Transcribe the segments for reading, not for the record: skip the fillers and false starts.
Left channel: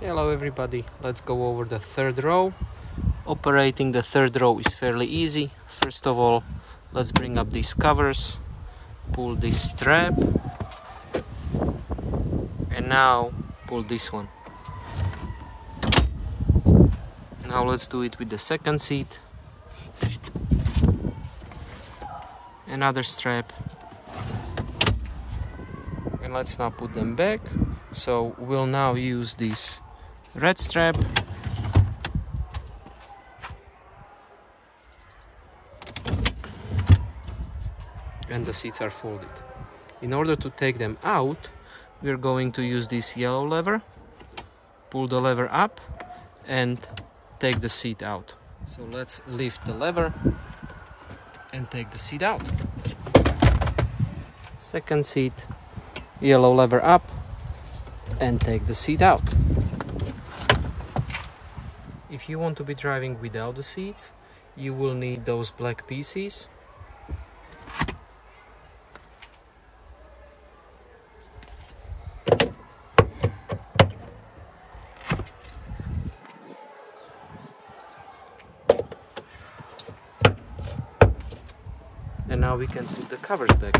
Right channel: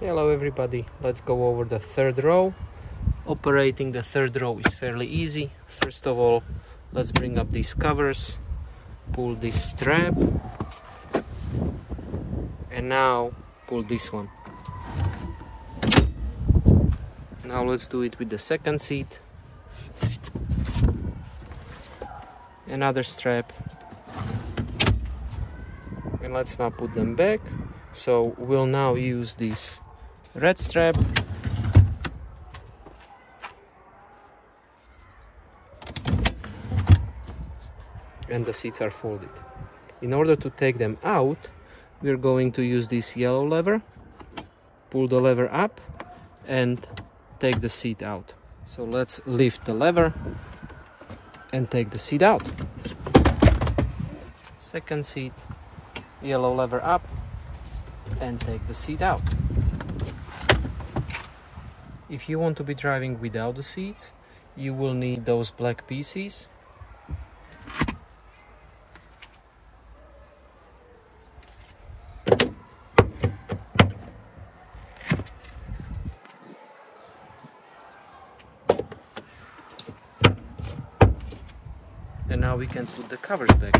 Hello everybody, let's go over the third row. Operating the third row is fairly easy. First of all, let's bring up these covers, pull this strap, and now pull this one. Now let's do it with the second seat. Another strap. And let's now put them back. So we'll now use this red strap and the seats are folded. In order to take them out, we're going to use this yellow lever, pull the lever up and take the seat out. So let's lift the lever and take the seat out. Second seat, yellow lever up and take the seat out. If you want to be driving without the seats, you will need those black pieces. And now we can put the covers back.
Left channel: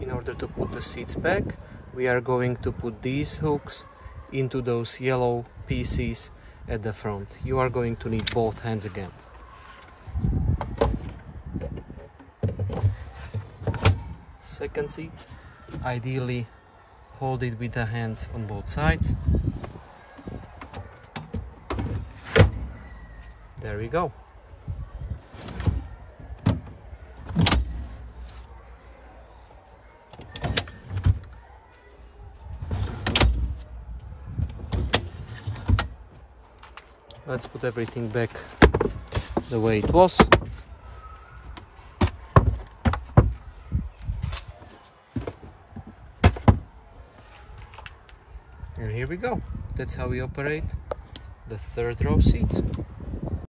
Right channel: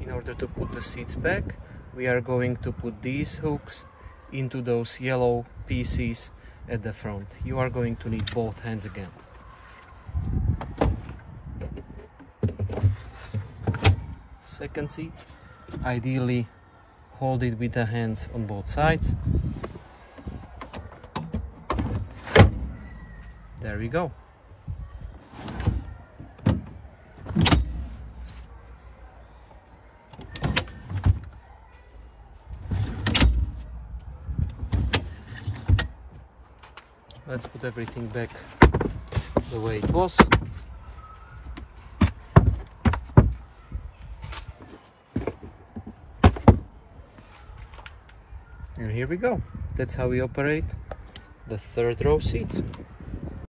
In order to put the seats back, we are going to put these hooks into those yellow pieces at the front. You are going to need both hands again. Second seat, ideally hold it with the hands on both sides. There we go. Let's put everything back the way it was. And here we go. That's how we operate the third row seats.